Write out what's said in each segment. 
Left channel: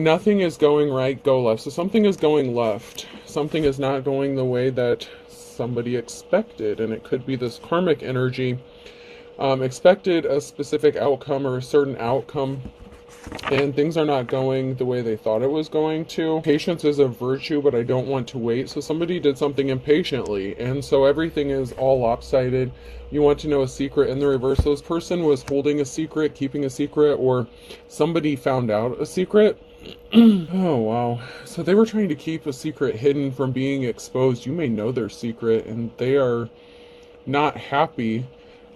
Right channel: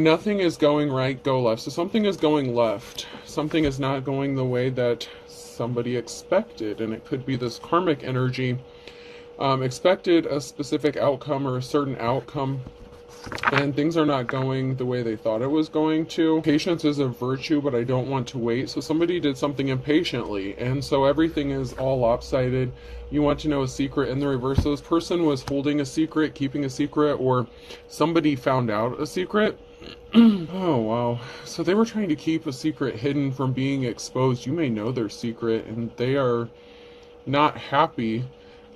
When nothing is going right, go left. So something is going left. Something is not going the way that somebody expected. And it could be this karmic energy. Expected a specific outcome or a certain outcome, and things are not going the way they thought it was going to. Patience is a virtue, but I don't want to wait. So somebody did something impatiently, and so everything is all lopsided. You want to know a secret in the reverse. So this person was holding a secret, keeping a secret, or somebody found out a secret. Oh, wow. So they were trying to keep a secret hidden from being exposed. You may know their secret, and they are not happy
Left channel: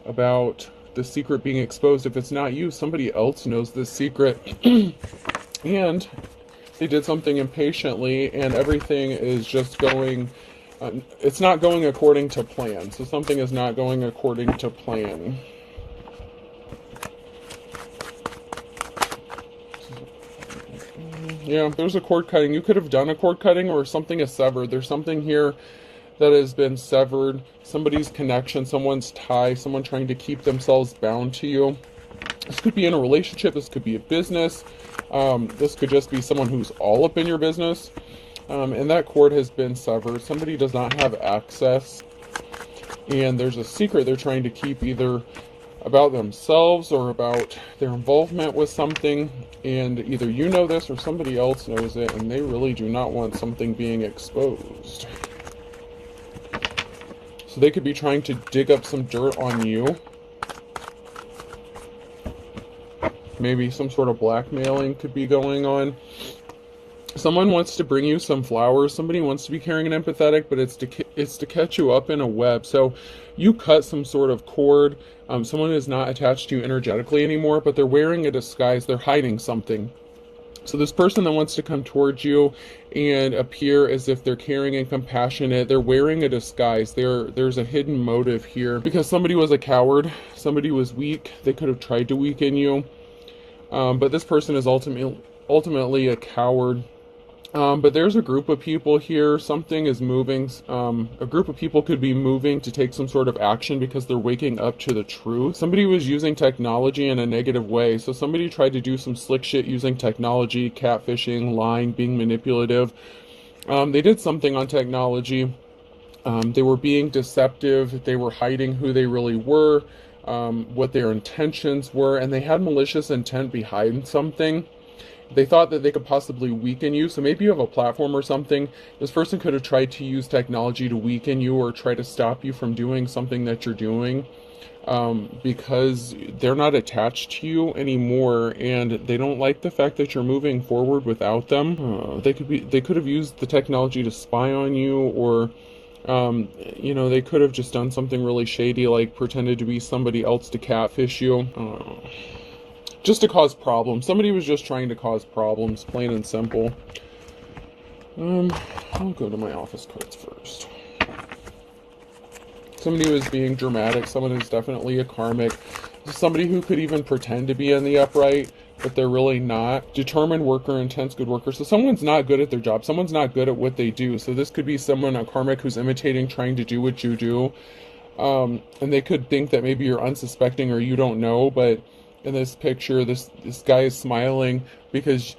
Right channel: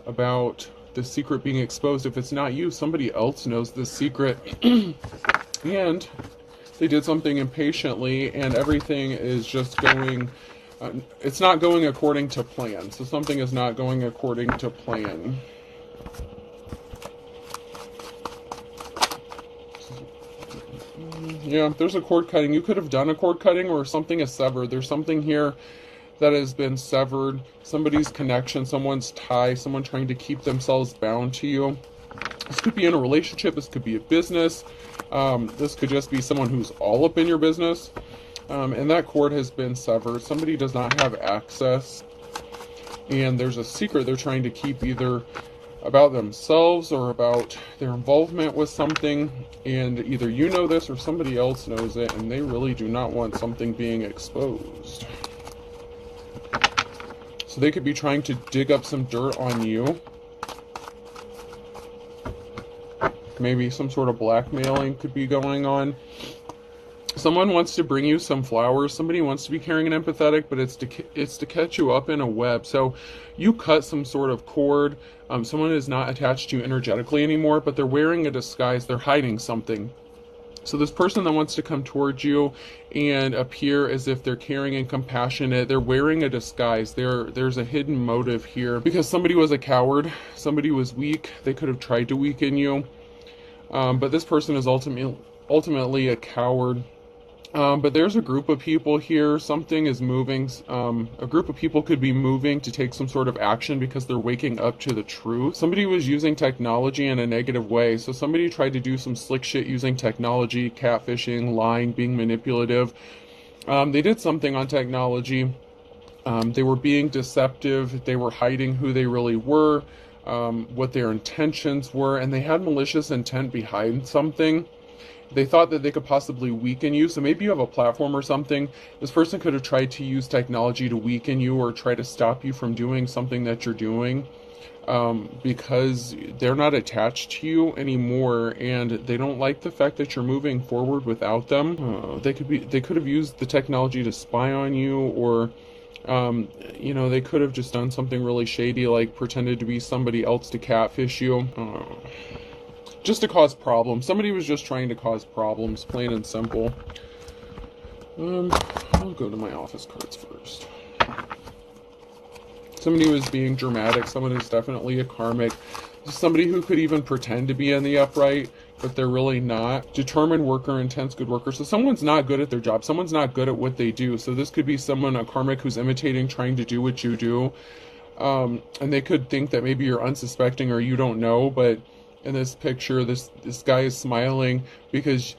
about the secret being exposed. If it's not you, somebody else knows this secret. And they did something impatiently, and everything is just going, it's not going according to plan. So something is not going according to plan. Yeah, there's a cord cutting. You could have done a cord cutting, or something is severed. There's something here that has been severed. Somebody's connection, someone's tie, someone trying to keep themselves bound to you. This could be in a relationship. This could be a business. This could just be someone who's all up in your business. And that cord has been severed. Somebody does not have access. And there's a secret they're trying to keep, either about themselves or about their involvement with something. And either you know this or somebody else knows it. And they really do not want something being exposed. So they could be trying to dig up some dirt on you. Maybe some sort of blackmailing could be going on. Someone wants to bring you some flowers. Somebody wants to be caring and empathetic, but it's to catch you up in a web. So you cut some sort of cord. Someone is not attached to you energetically anymore, but they're wearing a disguise. They're hiding something. So this person that wants to come towards you and appear as if they're caring and compassionate, they're wearing a disguise. There's a hidden motive here, because somebody was a coward. Somebody was weak. They could have tried to weaken you. But this person is ultimately a coward. But there's a group of people here. Something is moving. A group of people could be moving to take some sort of action because they're waking up to the truth. Somebody was using technology in a negative way. So somebody tried to do some slick shit using technology, catfishing, lying, being manipulative. They did something on technology. They were being deceptive. They were hiding who they really were, what their intentions were, and they had malicious intent behind something. They thought that they could possibly weaken you. So maybe you have a platform or something. This person could have tried to use technology to weaken you or try to stop you from doing something that you're doing, because they're not attached to you anymore, and they don't like the fact that you're moving forward without them. They could have used the technology to spy on you, or they could have just done something really shady, like pretended to be somebody else to catfish you. Just to cause problems. Somebody was just trying to cause problems, plain and simple. I'll go to my office cards first. Somebody was being dramatic. Someone who's definitely a karmic. Somebody who could even pretend to be in the upright, but they're really not. Determined worker, intense good worker. So someone's not good at their job. Someone's not good at what they do. So this could be someone, a karmic, who's imitating, trying to do what you do. And they could think that maybe you're unsuspecting or you don't know, but in this picture, this guy is smiling because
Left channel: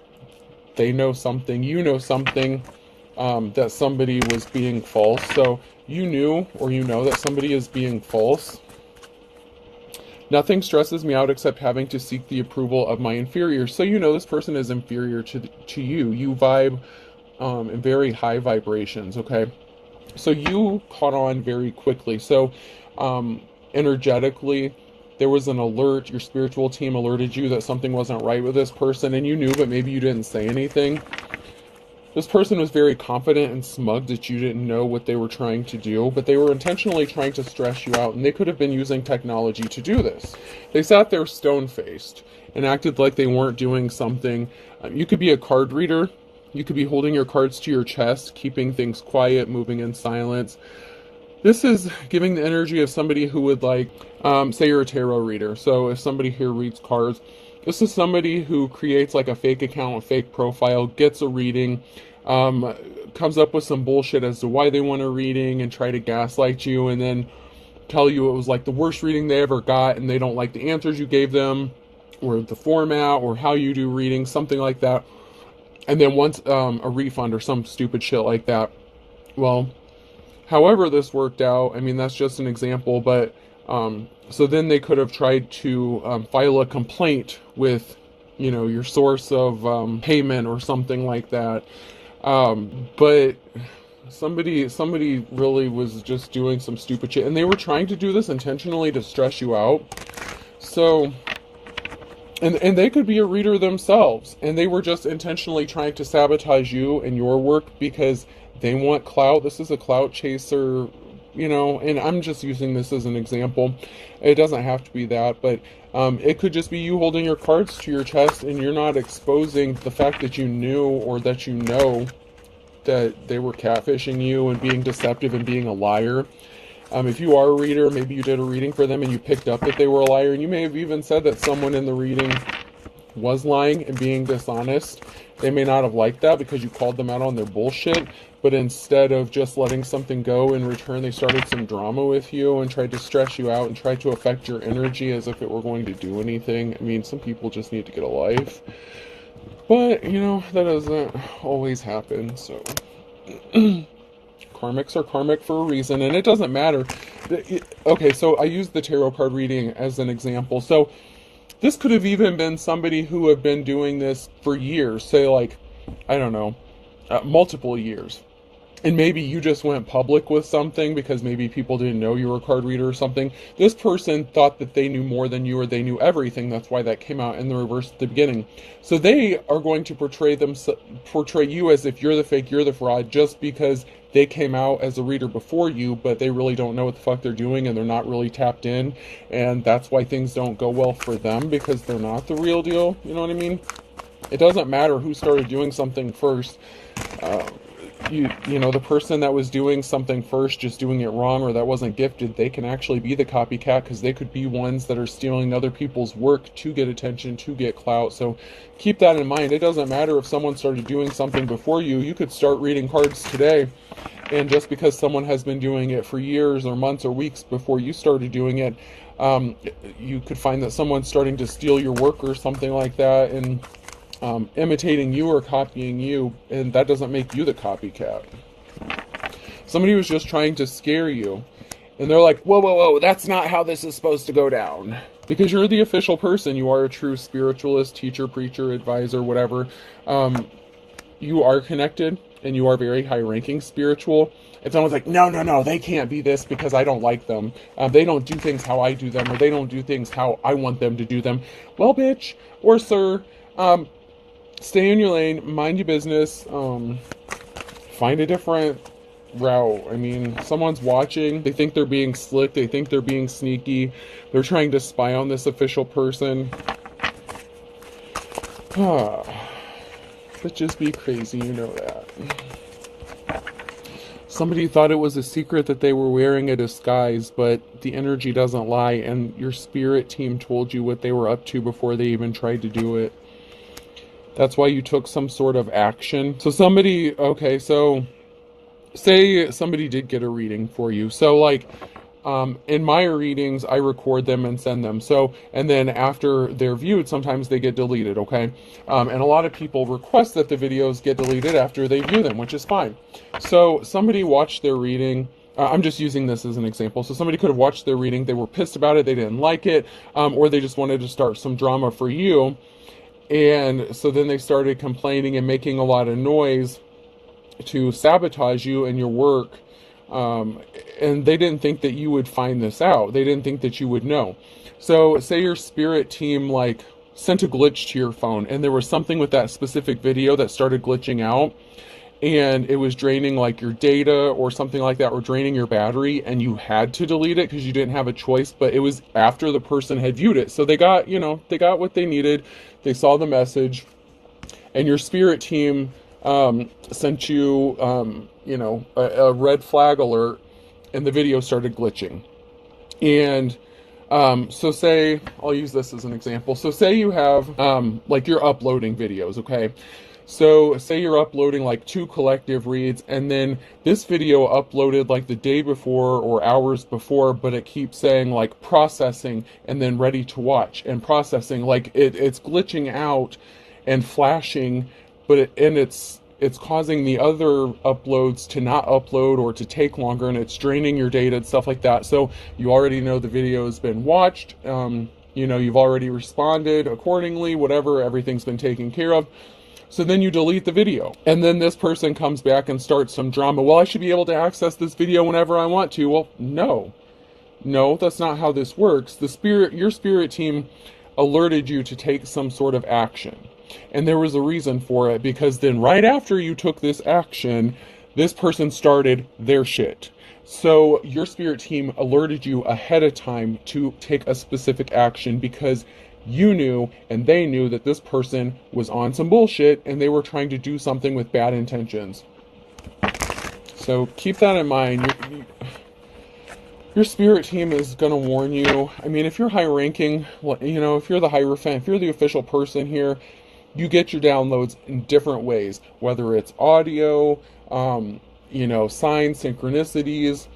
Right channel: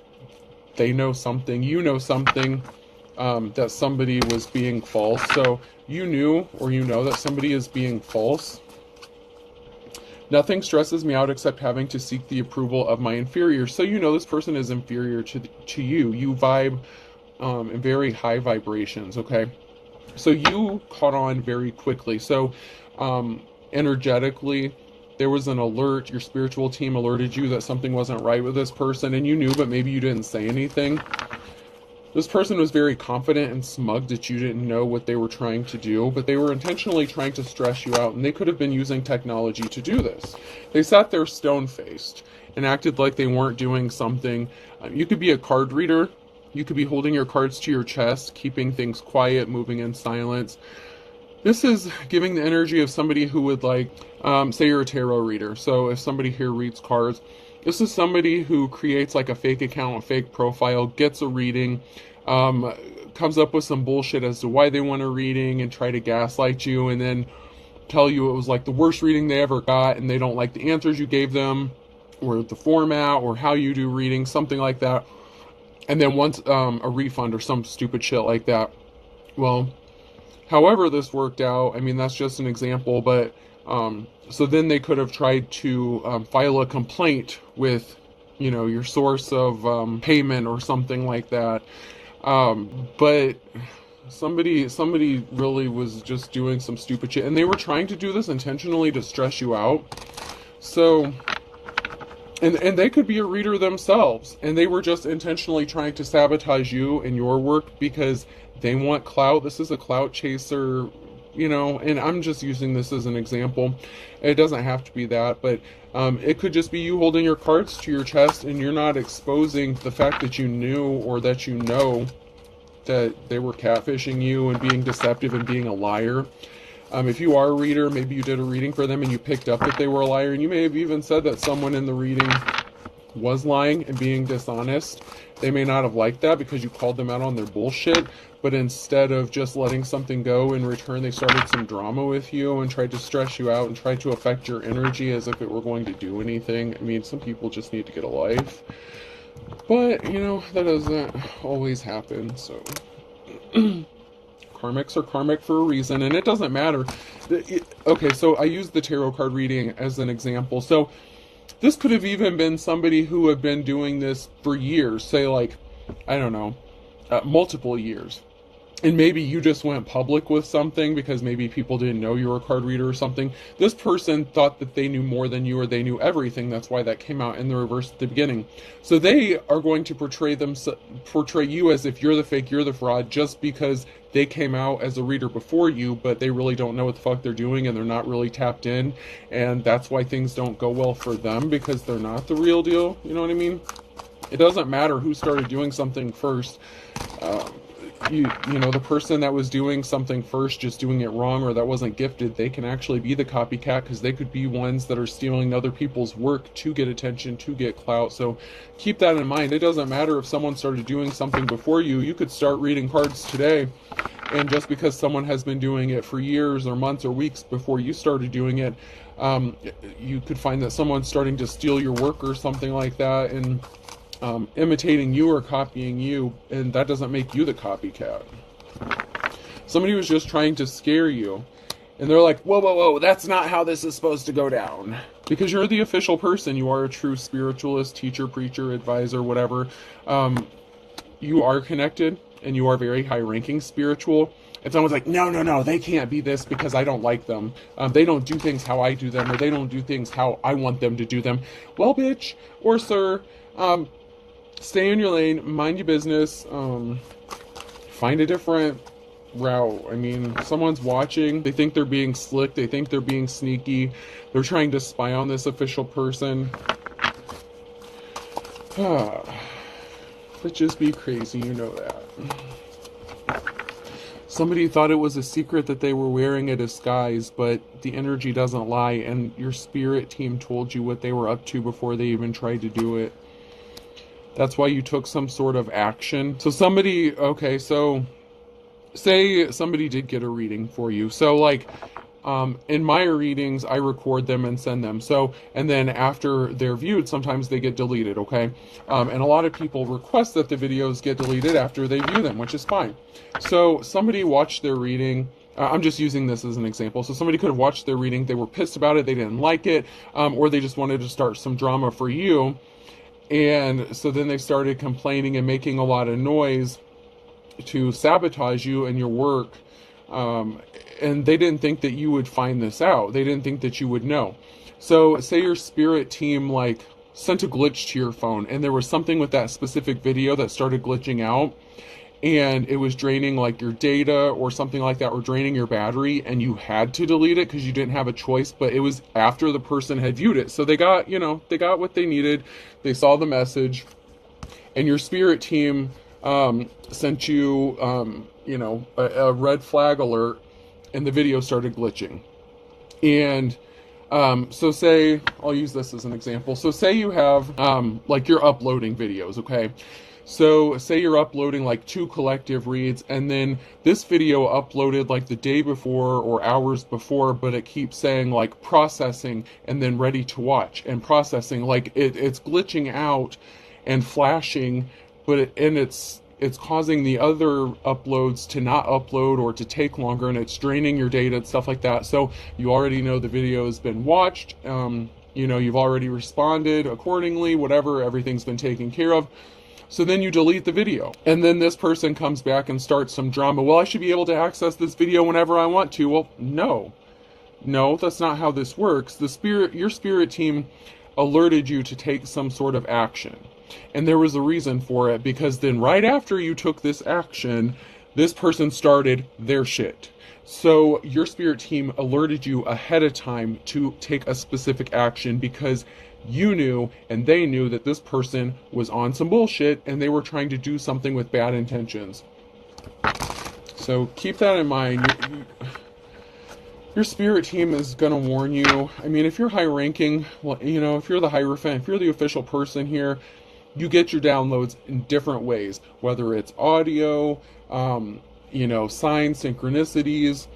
they know something, you know something, that somebody was being false. So you knew, or you know, that somebody is being false. Nothing stresses me out except having to seek the approval of my inferior. So you know this person is inferior to you. You vibe in very high vibrations, okay? So you caught on very quickly. So energetically, there was an alert. Your spiritual team alerted you that something wasn't right with this person, and you knew, but maybe you didn't say anything. This person was very confident and smug that you didn't know what they were trying to do, but they were intentionally trying to stress you out, and they could have been using technology to do this. They sat there stone-faced and acted like they weren't doing something. You could be a card reader. You could be holding your cards to your chest, keeping things quiet, moving in silence. This is giving the energy of somebody who would say you're a tarot reader. So if somebody here reads cards, this is somebody who creates like a fake account, a fake profile, gets a reading, comes up with some bullshit as to why they want a reading and try to gaslight you, and then tell you it was like the worst reading they ever got, and they don't like the answers you gave them, or the format, or how you do readings, something like that. and then wants a refund or some stupid shit like that. Well, however this worked out, I mean, that's just an example, but so then they could have tried to file a complaint with, you know, your source of payment or something like that. But somebody really was just doing some stupid shit, and they were trying to do this intentionally to stress you out. So, and they could be a reader themselves, and they were just intentionally trying to sabotage you and your work because they want clout. This is a clout chaser, you know, and I'm just using this as an example. It doesn't have to be that, but it could just be you holding your cards to your chest and you're not exposing the fact that you knew or that you know that they were catfishing you and being deceptive and being a liar. If you are a reader, maybe you did a reading for them and you picked up that they were a liar, and you may have even said that someone in the reading was lying and being dishonest. They may not have liked that because you called them out on their bullshit, but instead of just letting something go, in return they started some drama with you and tried to stress you out and tried to affect your energy as if it were going to do anything. I mean, some people just need to get a life, but you know, that doesn't always happen. So karmics are karmic for a reason, and it doesn't matter. Okay, so I used the tarot card reading as an example. So this could have even been somebody who had been doing this for years, say like, I don't know, multiple years. And maybe you just went public with something because maybe people didn't know you were a card reader or something. This person thought that they knew more than you, or they knew everything. That's why that came out in the reverse at the beginning. So they are going to portray you as if you're the fake, you're the fraud, just because they came out as a reader before you, but they really don't know what the fuck they're doing and they're not really tapped in. And that's why things don't go well for them, because they're not the real deal. You know what I mean? It doesn't matter who started doing something first. You know, the person that was doing something first, just doing it wrong, or that wasn't gifted, they can actually be the copycat, because they could be ones that are stealing other people's work to get attention, to get clout. So keep that in mind. It doesn't matter if someone started doing something before you. You could start reading cards today, and just because someone has been doing it for years or months or weeks before you started doing it, you could find that someone's starting to steal your work or something like that, and imitating you or copying you, and that doesn't make you the copycat. Somebody was just trying to scare you, and they're like, whoa, whoa, whoa, that's not how this is supposed to go down. Because you're the official person. You are a true spiritualist, teacher, preacher, advisor, whatever. You are connected, and you are very high-ranking spiritual. And someone's like, no, no, no, they can't be this because I don't like them. They don't do things how I do them, or they don't do things how I want them to do them. Well, bitch, or sir, stay in your lane, mind your business, find a different route. I mean, someone's watching, they think they're being slick, they think they're being sneaky, they're trying to spy on this official person. Bitches be crazy, you know that. Somebody thought it was a secret that they were wearing a disguise, but the energy doesn't lie, and your spirit team told you what they were up to before they even tried to do it. That's why you took some sort of action. So somebody, okay, so say somebody did get a reading for you. So like, in my readings, I record them and send them. So, and then after they're viewed, sometimes they get deleted, okay? And a lot of people request that the videos get deleted after they view them, which is fine. So somebody watched their reading. I'm just using this as an example. So somebody could have watched their reading, they were pissed about it, they didn't like it, or they just wanted to start some drama for you. And so then they started complaining and making a lot of noise to sabotage you and your work. And they didn't think that you would find this out. They didn't think that you would know. So say your spirit team like sent a glitch to your phone, and there was something with that specific video that started glitching out, and it was draining like your data or something like that, or draining your battery, and you had to delete it because you didn't have a choice. But it was after the person had viewed it. So they got, you know, they got what they needed. They saw the message, and your spirit team sent you, you know, a red flag alert, and the video started glitching. And so say, I'll use this as an example. So say you have, like you're uploading videos, okay? So say you're uploading like 2 collective reads, and then this video uploaded like the day before or hours before, but it keeps saying like processing and then ready to watch and processing. Like it's glitching out and flashing but it's causing the other uploads to not upload or to take longer, and it's draining your data and stuff like that. So you already know the video has been watched. You've already responded accordingly, whatever, everything's been taken care of. So then you delete the video. And then this person comes back and starts some drama. Well, I should be able to access this video whenever I want to. Well, no, that's not how this works. Your spirit team alerted you to take some sort of action. And there was a reason for it, because then right after you took this action, this person started their shit. So your spirit team alerted you ahead of time to take a specific action, because you knew and they knew that this person was on some bullshit and they were trying to do something with bad intentions. So keep that in mind. Your spirit team is going to warn you. I mean, if you're high ranking, well, if you're the Hierophant, if you're the official person here, you get your downloads in different ways, whether it's audio, signs, synchronicities,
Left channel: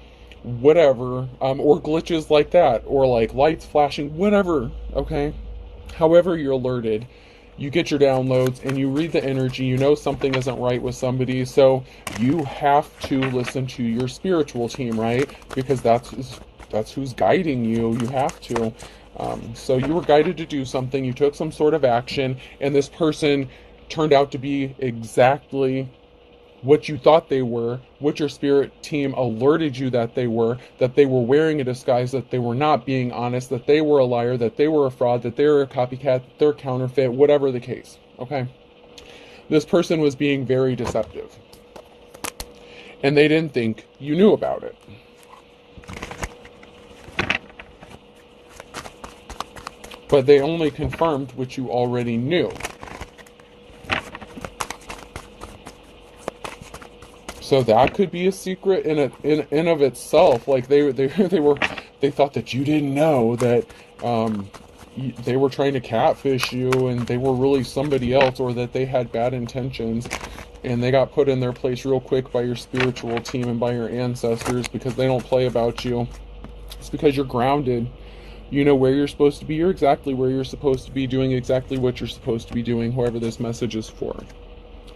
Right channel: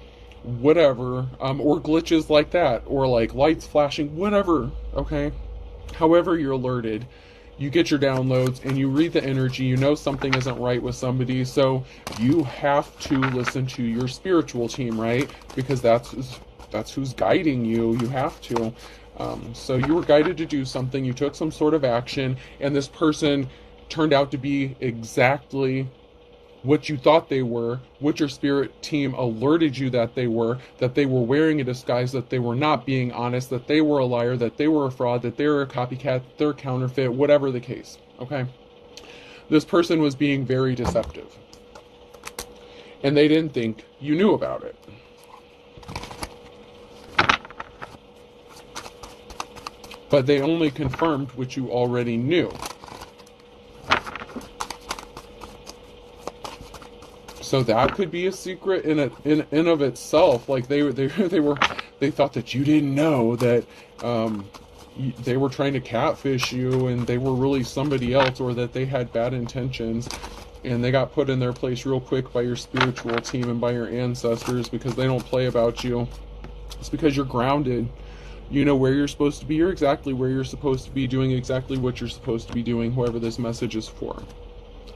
whatever, or glitches like that, or like lights flashing, whatever, okay? However you're alerted, you get your downloads and you read the energy, you know something isn't right with somebody, so you have to listen to your spiritual team, right? Because that's who's guiding you. You have to. So you were guided to do something, you took some sort of action, and this person turned out to be exactly what you thought they were, what your spirit team alerted you that they were wearing a disguise, that they were not being honest, that they were a liar, that they were a fraud, that they were a copycat, they're counterfeit, whatever the case, okay? This person was being very deceptive. And they didn't think you knew about it. But they only confirmed what you already knew. So that could be a secret in of itself. Like they thought that you didn't know that they were trying to catfish you and they were really somebody else, or that they had bad intentions, and they got put in their place real quick by your spiritual team and by your ancestors, because they don't play about you. It's because you're grounded. You know where you're supposed to be. You're exactly where you're supposed to be, doing exactly what you're supposed to be doing, whoever this message is for.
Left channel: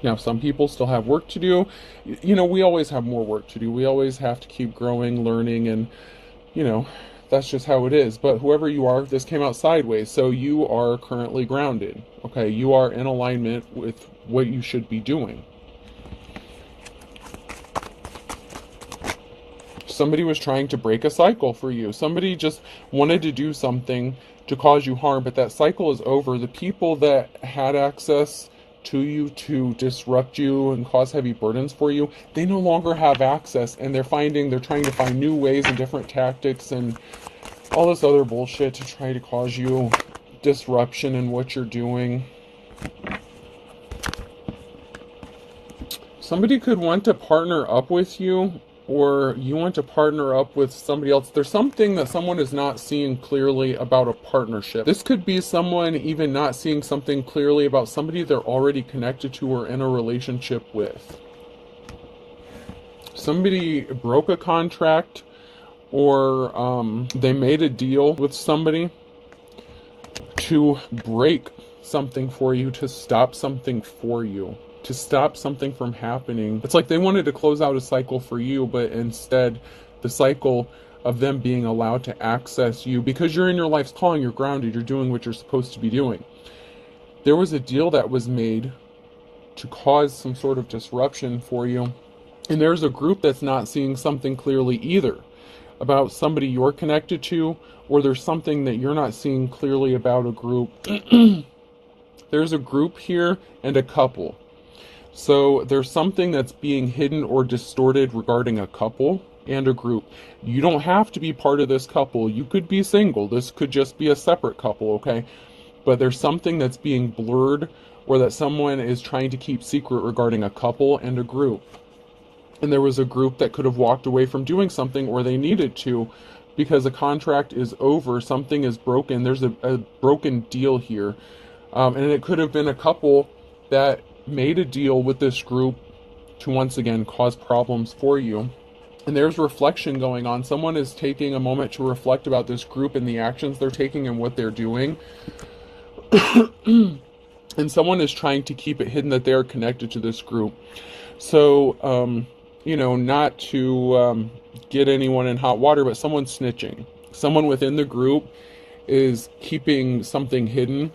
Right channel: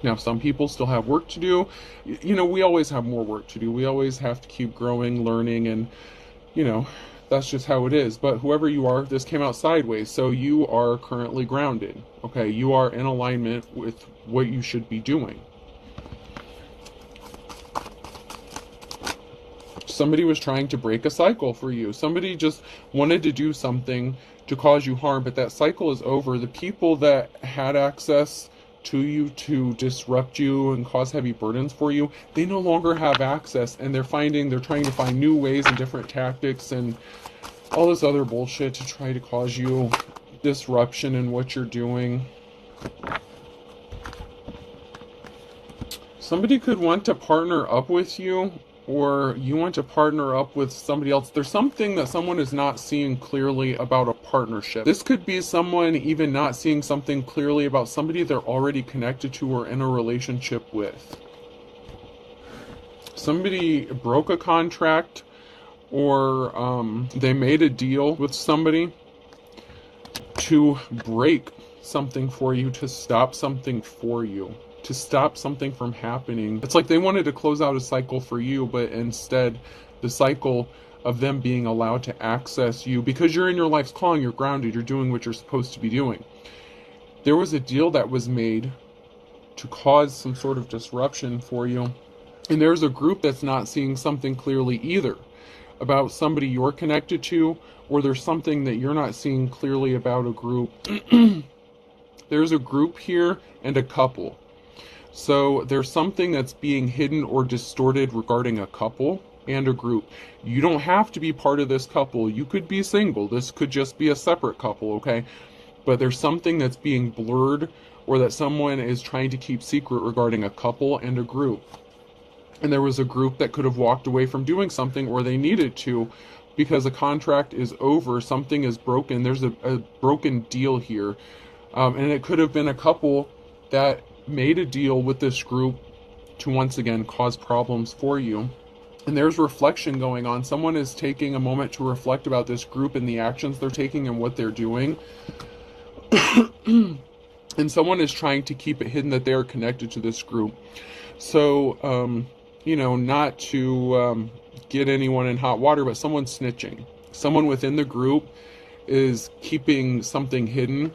Now, some people still have work to do. We always have more work to do. We always have to keep growing, learning, and, that's just how it is. But whoever you are, this came out sideways. So you are currently grounded. Okay, you are in alignment with what you should be doing. Somebody was trying to break a cycle for you. Somebody just wanted to do something to cause you harm, but that cycle is over. The people that had access to you to disrupt you and cause heavy burdens for you, they no longer have access, and they're trying to find new ways and different tactics and all this other bullshit to try to cause you disruption in what you're doing. Somebody could want to partner up with you, or you want to partner up with somebody else. There's something that someone is not seeing clearly about a partnership. This could be someone even not seeing something clearly about somebody they're already connected to or in a relationship with. Somebody broke a contract, or they made a deal with somebody to break something for you, to stop something for you, to stop something from happening. It's like they wanted to close out a cycle for you, but instead the cycle of them being allowed to access you, because you're in your life's calling, you're grounded, you're doing what you're supposed to be doing. There was a deal that was made to cause some sort of disruption for you, and there's a group that's not seeing something clearly either about somebody you're connected to, or there's something that you're not seeing clearly about a group. There's a group here and a couple. So there's something that's being hidden or distorted regarding a couple and a group. You don't have to be part of this couple. You could be single. This could just be a separate couple, okay? But there's something that's being blurred, or that someone is trying to keep secret regarding a couple and a group. And there was a group that could have walked away from doing something, or they needed to, because a contract is over, something is broken. There's a broken deal here. And it could have been a couple that made a deal with this group to once again cause problems for you. And there's reflection going on. Someone is taking a moment to reflect about this group and the actions they're taking and what they're doing. and someone is trying to keep it hidden that they are connected to this group. So, not to get anyone in hot water, but someone's snitching. Someone within the group is keeping something hidden,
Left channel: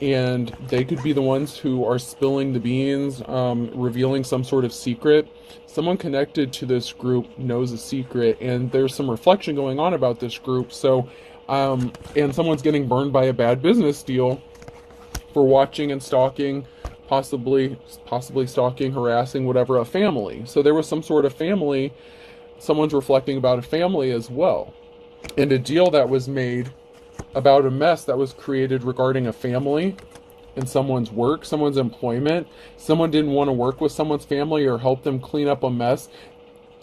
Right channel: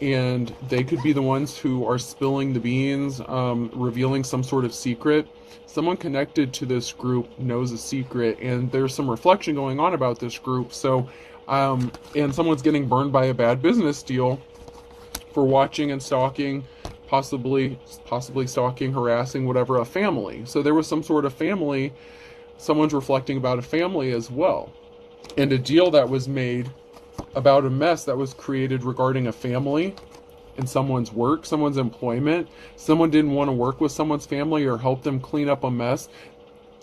and they could be the ones who are spilling the beans, revealing some sort of secret. Someone connected to this group knows a secret, and there's some reflection going on about this group. So, and someone's getting burned by a bad business deal for watching and stalking, possibly stalking, harassing, whatever, a family. So there was some sort of family. Someone's reflecting about a family as well, and a deal that was made about a mess that was created regarding a family and someone's work, someone's employment. Someone didn't want to work with someone's family or help them clean up a mess.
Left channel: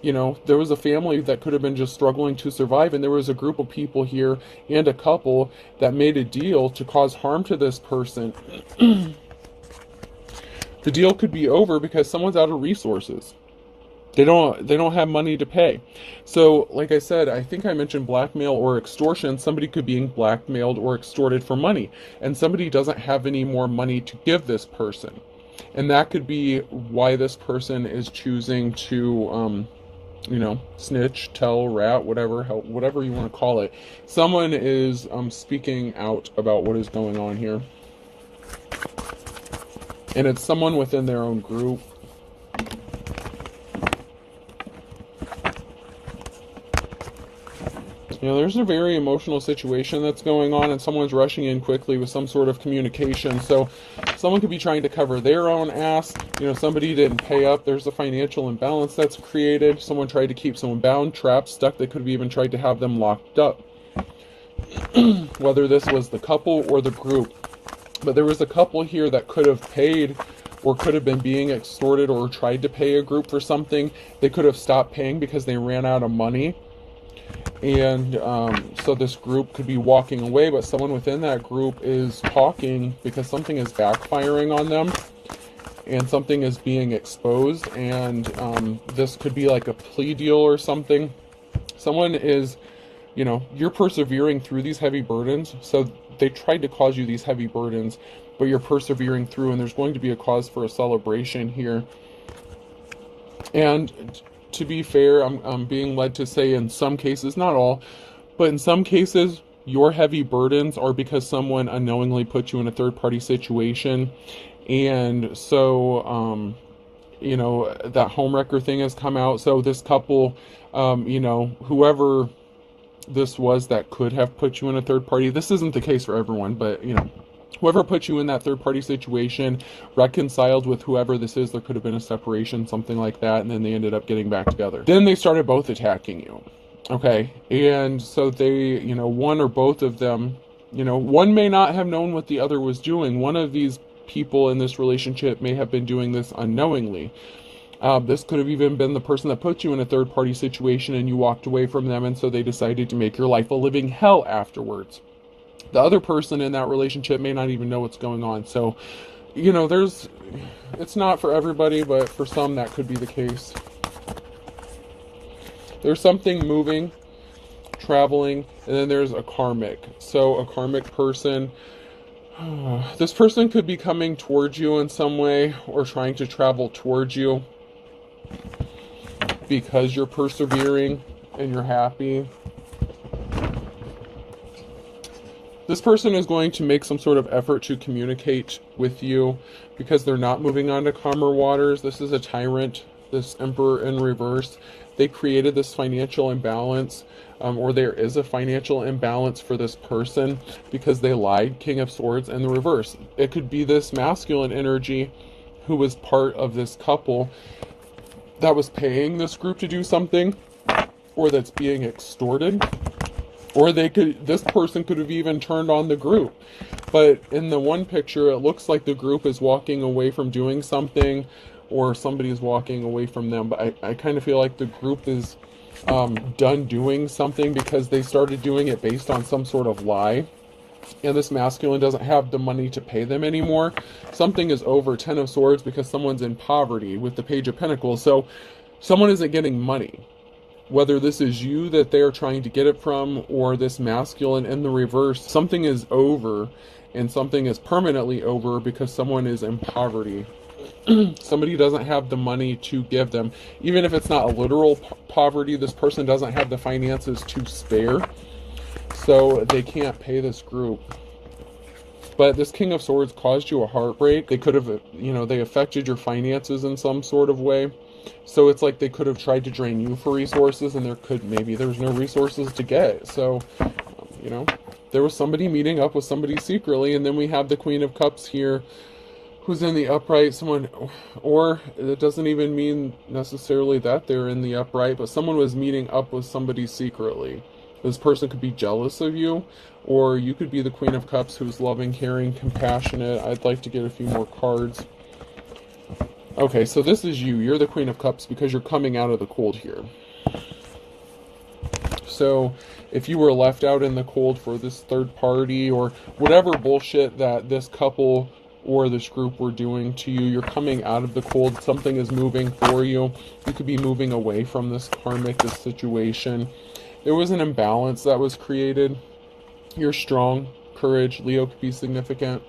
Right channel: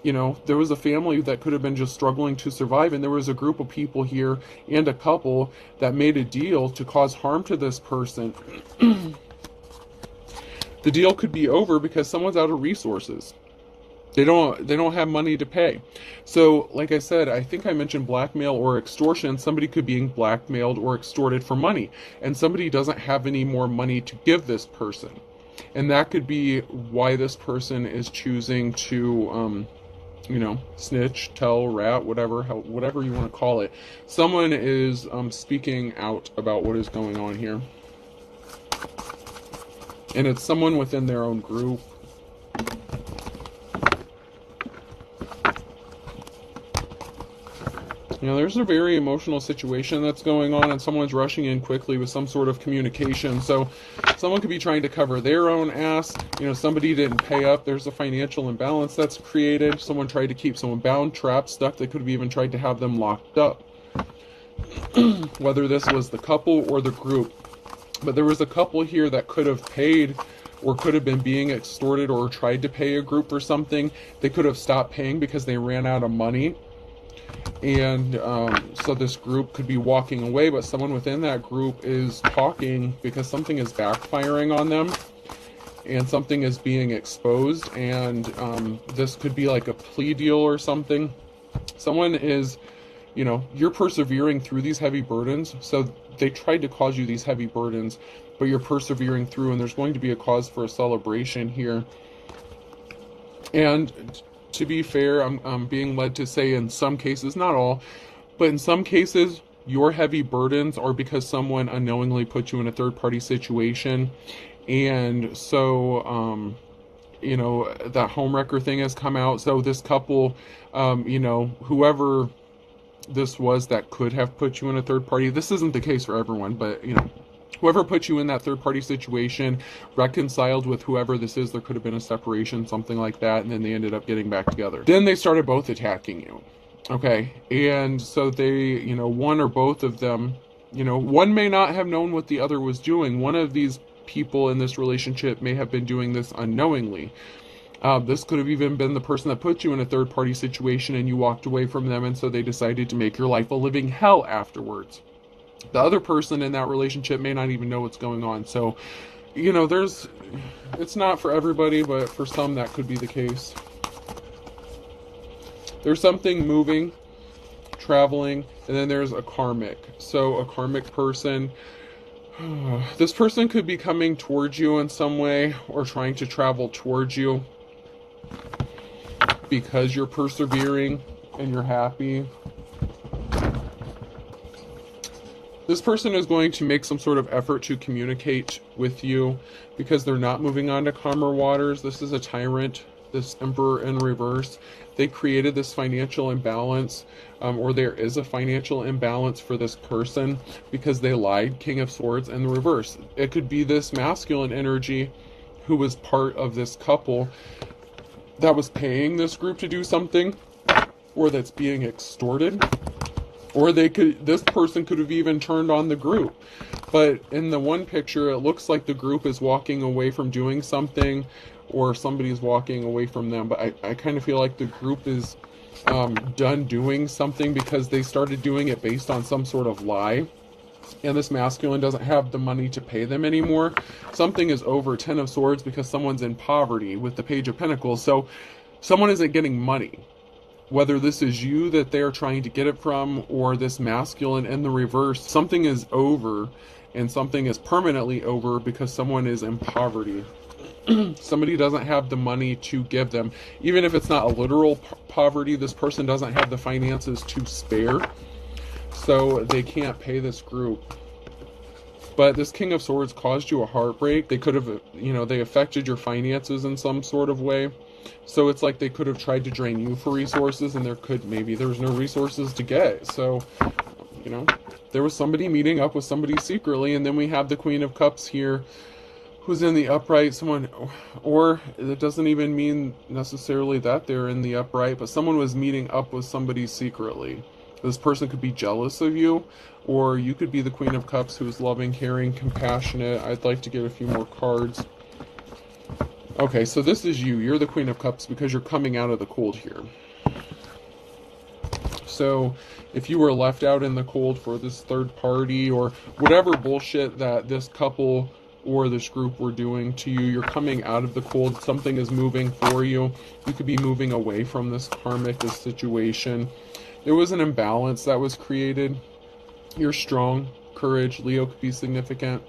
There was a family that could have been just struggling to survive, and there was a group of people here and a couple that made a deal to cause harm to this person. The deal could be over because someone's out of resources. They don't have money to pay. So, like I said, I think I mentioned blackmail or extortion. Somebody could be blackmailed or extorted for money, and somebody doesn't have any more money to give this person. And that could be why this person is choosing to, snitch, tell, rat, whatever you want to call it. Someone is speaking out about what is going on here. And it's someone within their own group. There's a very emotional situation that's going on, and someone's rushing in quickly with some sort of communication. So someone could be trying to cover their own ass. Somebody didn't pay up. There's a financial imbalance that's created. Someone tried to keep someone bound, trapped, stuck. They could have even tried to have them locked up. Whether this was the couple or the group. But there was a couple here that could have paid or could have been being extorted or tried to pay a group for something. They could have stopped paying because they ran out of money. And so this group could be walking away, but someone within that group is talking because something is backfiring on them and something is being exposed. And this could be like a plea deal or something. Someone is, you're persevering through these heavy burdens. So they tried to cause you these heavy burdens, but you're persevering through, and there's going to be a cause for a celebration here. And to be fair, I'm being led to say in some cases, not all, but in some cases, your heavy burdens are because someone unknowingly put you in a third-party situation. And so, that homewrecker thing has come out. So this couple, whoever this was that could have put you in a third party, this isn't the case for everyone, but, whoever put you in that third-party situation reconciled with whoever this is. There could have been a separation, something like that, and then they ended up getting back together. Then they started both attacking you, okay? And so they, one or both of them, one may not have known what the other was doing. One of these people in this relationship may have been doing this unknowingly. This could have even been the person that put you in a third-party situation and you walked away from them, and so they decided to make your life a living hell afterwards. The other person in that relationship may not even know what's going on. So, it's not for everybody, but for some that could be the case. There's something moving, traveling, and then there's a karmic. So a karmic person, this person could be coming towards you in some way or trying to travel towards you because you're persevering and you're happy. This person is going to make some sort of effort to communicate with you because they're not moving on to calmer waters. This is a tyrant, this emperor in reverse. They created this financial imbalance, or there is a financial imbalance for this person because they lied. King of Swords in the reverse. It could be this masculine energy who was part of this couple that was paying this group to do something, or that's being extorted. Or this person could have even turned on the group. But in the one picture, it looks like the group is walking away from doing something, or somebody's walking away from them. But I kind of feel like the group is done doing something because they started doing it based on some sort of lie. And this masculine doesn't have the money to pay them anymore. Something is over. 10 of Swords because someone's in poverty with the Page of Pentacles. So someone isn't getting money. Whether this is you that they're trying to get it from or this masculine in the reverse, something is over and something is permanently over because someone is in poverty. Somebody doesn't have the money to give them. Even if it's not a literal poverty, this person doesn't have the finances to spare, so they can't pay this group. But this King of Swords caused you a heartbreak. They could have, they affected your finances in some sort of way. So it's like they could have tried to drain you for resources, and maybe there was no resources to get. So, there was somebody meeting up with somebody secretly, and then we have the Queen of Cups here, who's in the upright. Someone, or it doesn't even mean necessarily that they're in the upright, but someone was meeting up with somebody secretly. This person could be jealous of you, or you could be the Queen of Cups who's loving, caring, compassionate. I'd like to get a few more cards. Okay, so this is you. You're the Queen of Cups because you're coming out of the cold here. So if you were left out in the cold for this third party or whatever bullshit that this couple or this group were doing to you, you're coming out of the cold. Something is moving for you. You could be moving away from this karmic, this situation. There was an imbalance that was created. You're strong. Courage. Leo could be significant.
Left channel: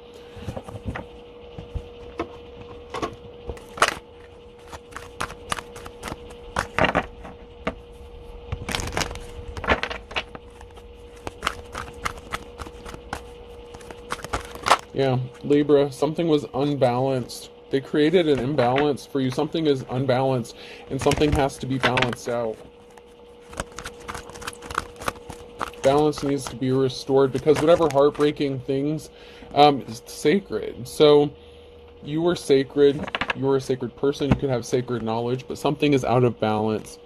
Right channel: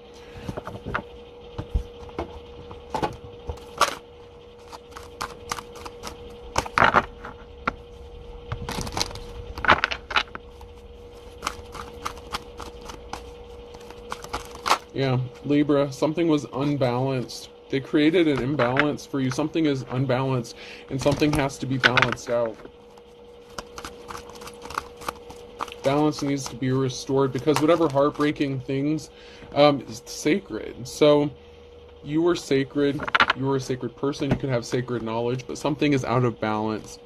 Yeah, Libra, something was unbalanced. They created an imbalance for you. Something is unbalanced, and something has to be balanced out. Balance needs to be restored because whatever heartbreaking things is sacred. So you were sacred. You were a sacred person. You could have sacred knowledge, but something is out of balance.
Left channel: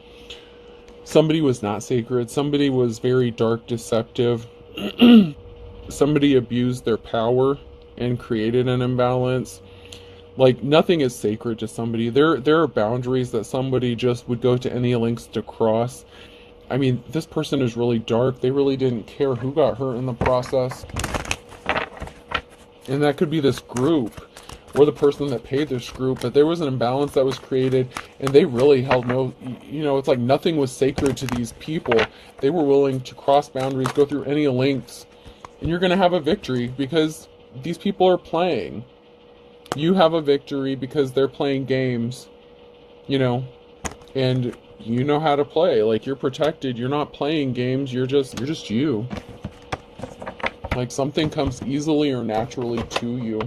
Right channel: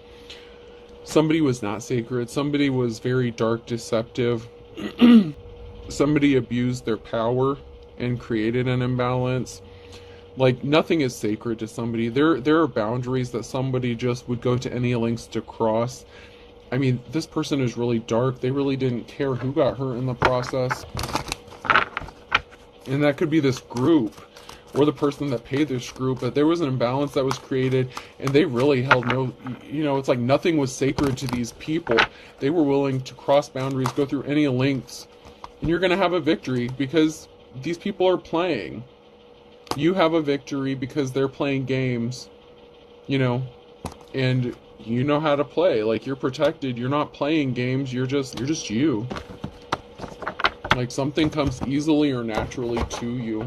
Somebody was not sacred. Somebody was very dark, deceptive. Somebody abused their power and created an imbalance. Like, nothing is sacred to somebody. There are boundaries that somebody just would go to any lengths to cross. I mean, this person is really dark. They really didn't care who got hurt in the process. And that could be this group or the person that paid this group, but there was an imbalance that was created, and they really held no, it's like nothing was sacred to these people. They were willing to cross boundaries, go through any lengths, and you're going to have a victory because these people are playing. You have a victory because they're playing games, and you know how to play. Like, you're protected. You're not playing games. You're just you. Like, something comes easily or naturally to you.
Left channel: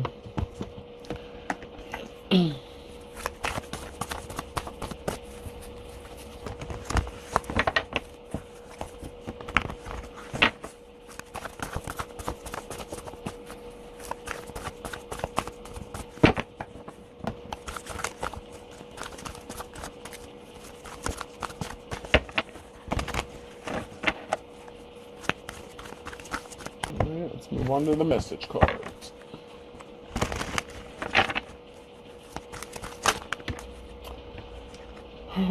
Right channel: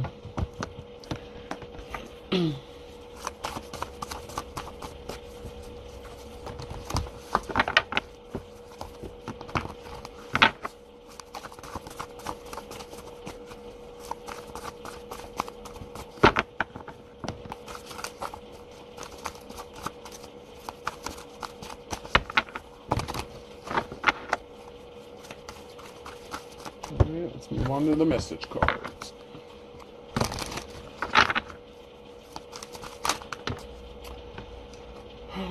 Let's move on to the message cards.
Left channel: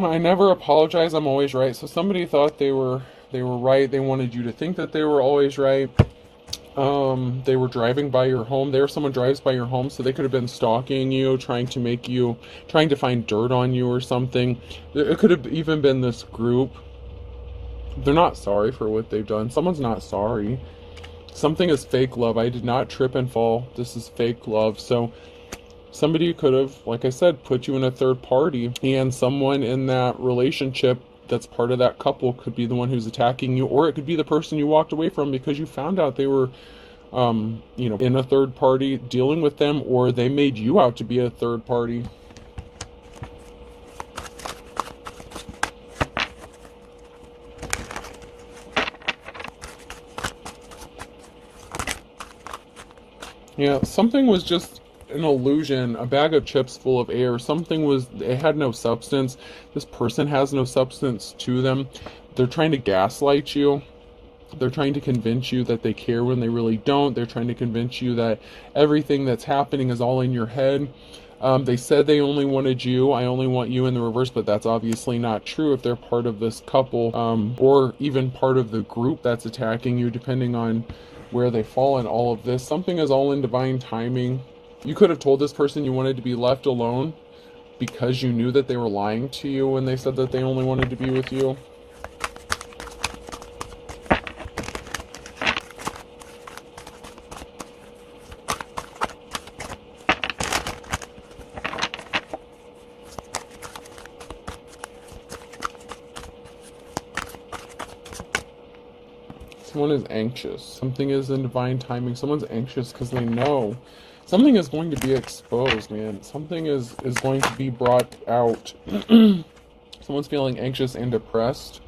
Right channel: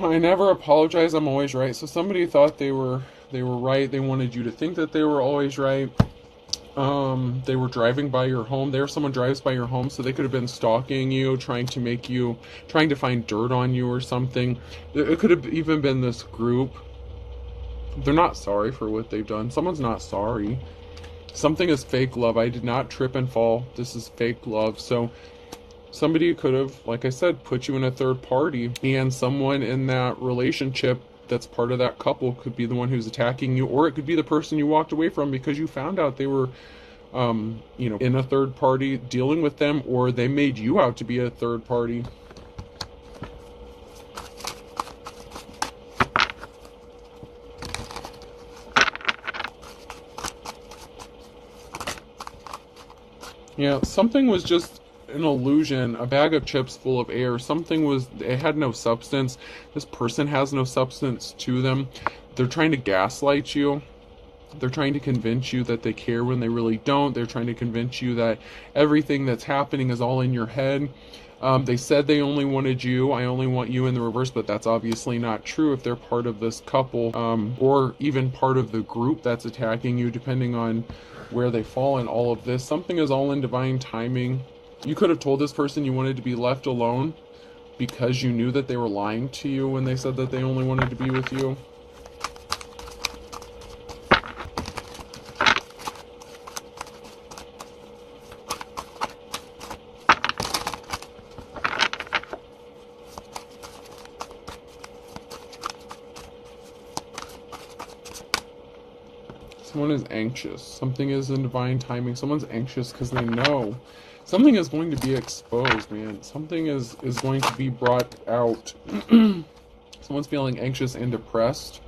I never apologize. I'm always right. So somebody thought they were right. They wanted you to think that they were always right. They were driving by your home. There, someone drives by your home, so they could have been stalking you, trying to find dirt on you or something. It could have even been this group. They're not sorry for what they've done. Someone's not sorry. Something is fake love. I did not trip and fall. This is fake love. So somebody could have, like I said, put you in a third party, and someone in that relationship that's part of that couple could be the one who's attacking you, or it could be the person you walked away from because you found out they were, in a third party dealing with them, or they made you out to be a third party. Yeah, something was just an illusion, a bag of chips full of air. It had no substance. This person has no substance to them. They're trying to gaslight you. They're trying to convince you that they care when they really don't. They're trying to convince you that everything that's happening is all in your head. They said they only wanted you. I only want you in the reverse, but that's obviously not true if they're part of this couple, or even part of the group that's attacking you, depending on where they fall in all of this. Something is all in divine timing. You could have told this person you wanted to be left alone because you knew that they were lying to you when they said that they only wanted to be with you. Someone is anxious. Something is in divine timing. Someone's anxious because they know something is going to be exposed, man. Something is going to be brought out. Someone's feeling anxious and depressed.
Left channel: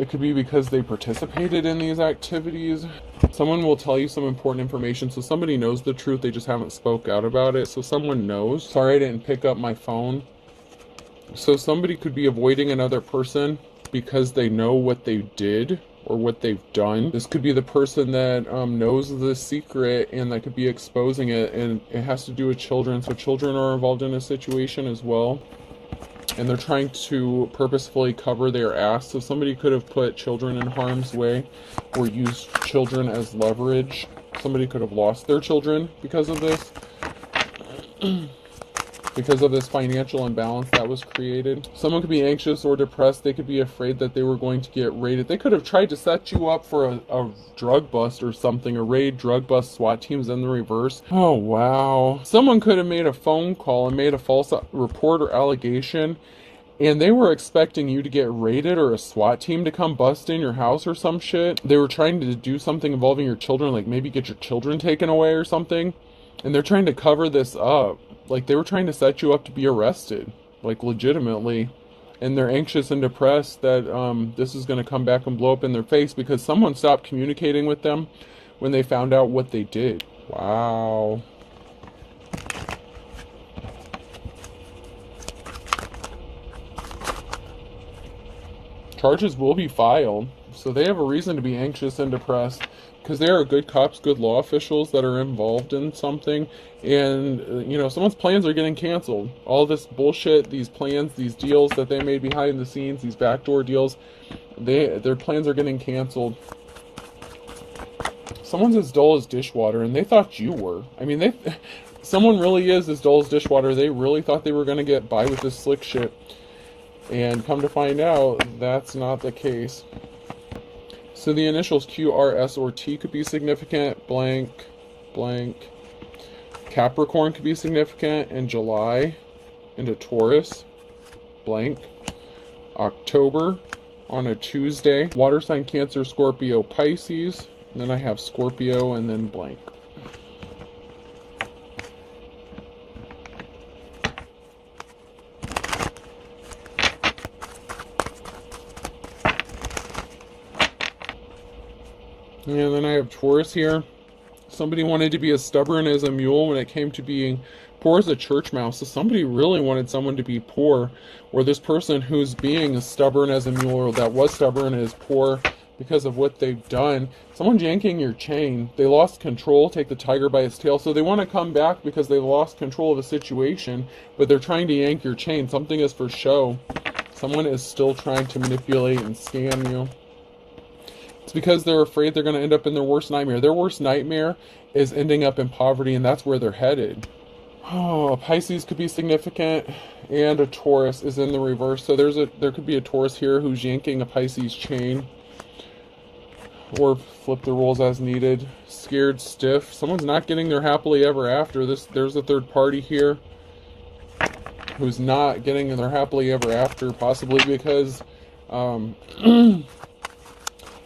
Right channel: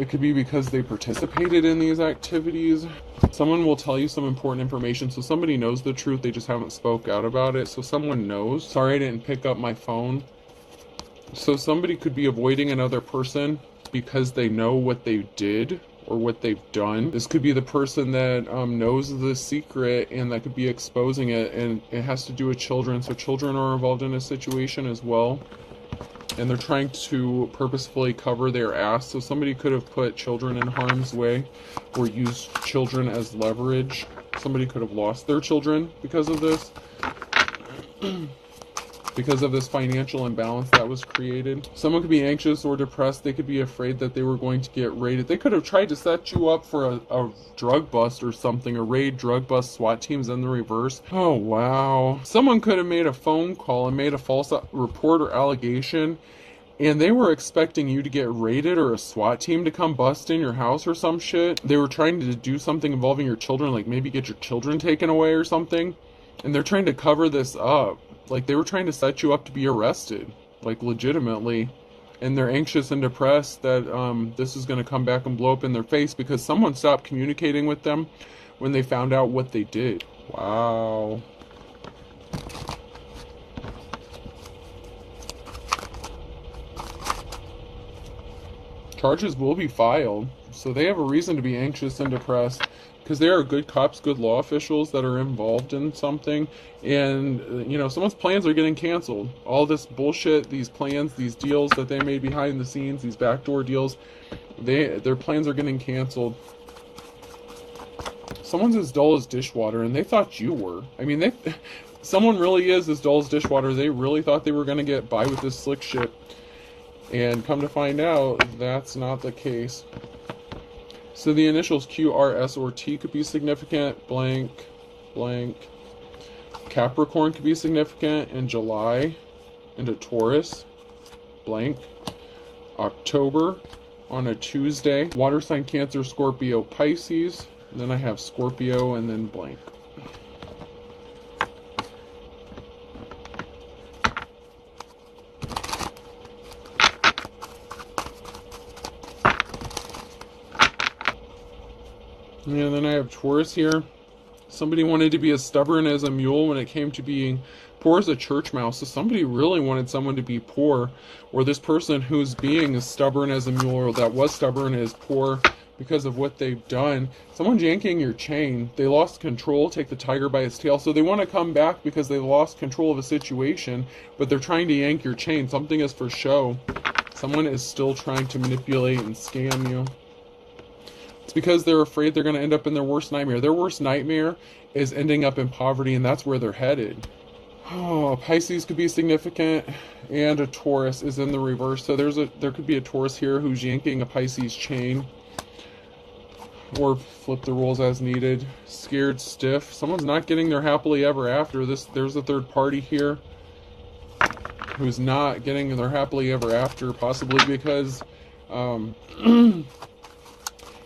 It could be because they participated in these activities. Someone will tell you some important information. So somebody knows the truth. They just haven't spoke out about it. So someone knows. Sorry, I didn't pick up my phone. So somebody could be avoiding another person because they know what they did or what they've done. This could be the person that knows the secret and that could be exposing it. And it has to do with children. So children are involved in a situation as well. And they're trying to purposefully cover their ass. So somebody could have put children in harm's way or used children as leverage. Somebody could have lost their children because of this. Because of this financial imbalance that was created. Someone could be anxious or depressed. They could be afraid that they were going to get raided. They could have tried to set you up for a drug bust or something. A raid, drug bust, SWAT teams in the reverse. Oh, wow. Someone could have made a phone call and made a false report or allegation, and they were expecting you to get raided or a SWAT team to come bust in your house or some shit. They were trying to do something involving your children, like maybe get your children taken away or something. And they're trying to cover this up. Like, they were trying to set you up to be arrested, like, legitimately. And they're anxious and depressed that this is going to come back and blow up in their face because someone stopped communicating with them when they found out what they did. Wow. Charges will be filed, so they have a reason to be anxious and depressed. Because they are good cops, good law officials that are involved in something. And, you know, someone's plans are getting canceled. All this bullshit, these plans, these deals that they made behind the scenes, these backdoor deals, their plans are getting canceled. Someone's as dull as dishwater, and they thought you were. I mean, someone really is as dull as dishwater. They really thought they were going to get by with this slick shit. And come to find out, that's not the case. So the initials Q, R, S, or T could be significant. Blank, blank. Capricorn could be significant in July into Taurus. Blank. October on a Tuesday. Water sign Cancer, Scorpio, Pisces. And then I have Scorpio and then blank. And then I have Taurus here. Somebody wanted to be as stubborn as a mule when it came to being poor as a church mouse. So somebody really wanted someone to be poor. Or this person who's being as stubborn as a mule, or that was stubborn, is poor because of what they've done. Someone's yanking your chain. They lost control, take the tiger by its tail. So they want to come back because they lost control of a situation, but they're trying to yank your chain. Something is for show. Someone is still trying to manipulate and scam you. It's because they're afraid they're going to end up in their worst nightmare. Their worst nightmare is ending up in poverty, and that's where they're headed. Oh, Pisces could be significant, and a Taurus is in the reverse. So there could be a Taurus here who's yanking a Pisces chain. Or flip the rules as needed. Scared stiff. Someone's not getting their happily ever after. There's a third party here who's not getting their happily ever after, possibly because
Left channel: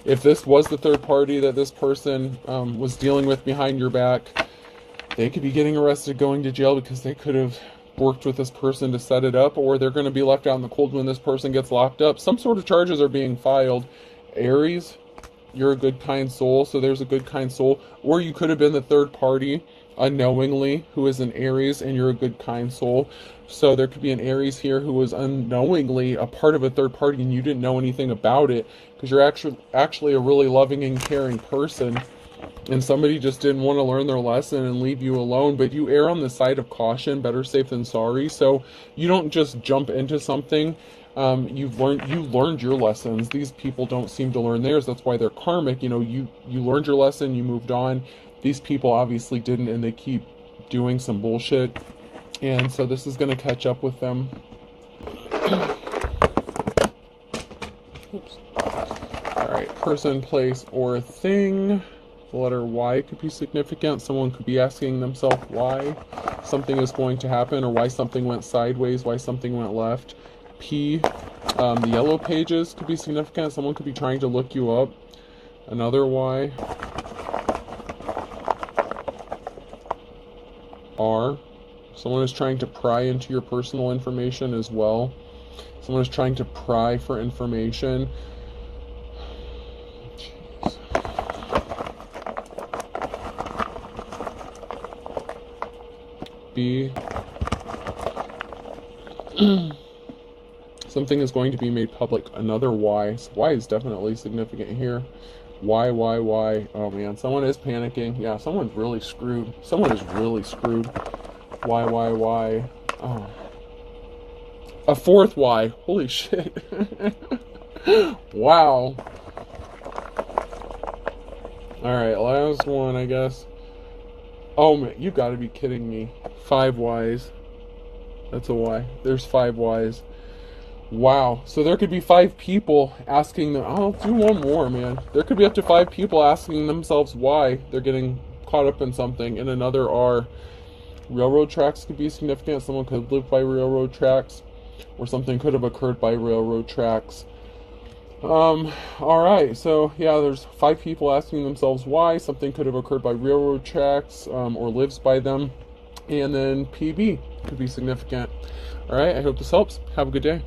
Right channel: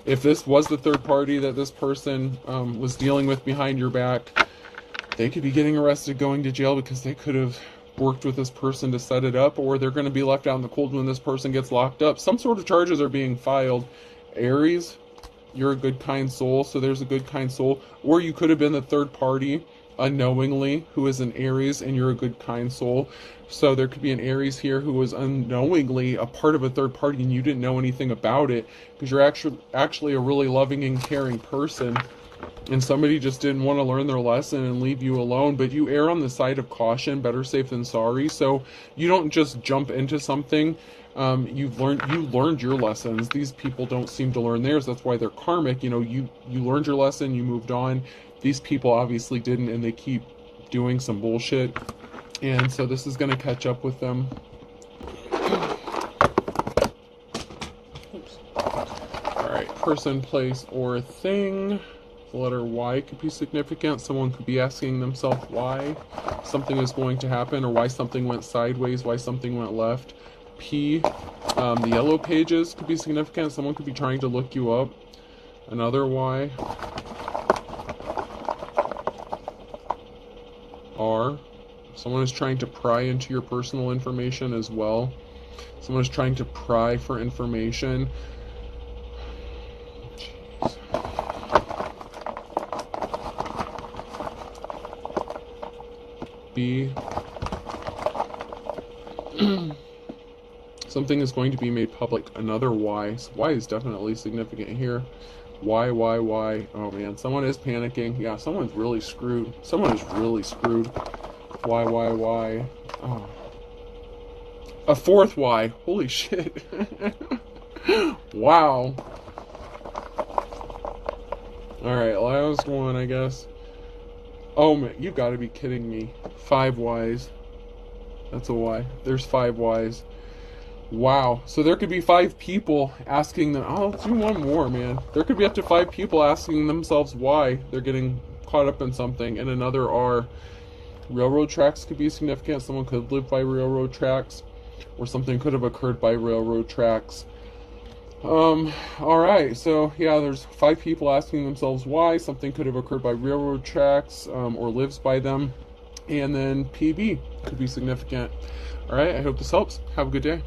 if this was the third party that this person was dealing with behind your back, they could be getting arrested, going to jail, because they could have worked with this person to set it up, or they're going to be left out in the cold when this person gets locked up. Some sort of charges are being filed. Aries, you're a good, kind soul, so there's a good, kind soul. Or you could have been the third party unknowingly who is an Aries, and you're a good, kind soul. So there could be an Aries here who was unknowingly a part of a third party and you didn't know anything about it, because you're actually a really loving and caring person, and somebody just didn't want to learn their lesson and leave you alone. But you err on the side of caution, better safe than sorry. So you don't just jump into something. You've learned your lessons. These people don't seem to learn theirs. That's why they're karmic. You know, you learned your lesson, you moved on. These people obviously didn't, and they keep doing some bullshit. And so this is going to catch up with them. Oops. Alright, person, place, or thing. The letter Y could be significant. Someone could be asking themselves why something is going to happen, or why something went sideways, why something went left. P, the yellow pages could be significant. Someone could be trying to look you up. Another Y. R. Someone is trying to pry into your personal information as well. Someone is trying to pry for information. Jeez. B. Something is going to be made public. Another Y. So Y is definitely significant here. Y. Oh man, someone is panicking. Yeah, someone's really screwed. Someone is really screwed. Y. Oh. A fourth Y. Holy shit. Wow. Alright, last one, I guess. Oh man, you've got to be kidding me. 5 Ys. That's a Y. There's 5 Ys. Wow. So there could be 5 people asking them. Oh, let's do one more, man. There could be up to 5 people asking themselves why they're getting caught up in something. And another R. Railroad tracks could be significant. Someone could live by railroad tracks, or something could have occurred by railroad tracks. Alright, so yeah, there's 5 people asking themselves why. Something could have occurred by railroad tracks, or lives by them. And then PB could be significant. Alright, I hope this helps. Have a good day.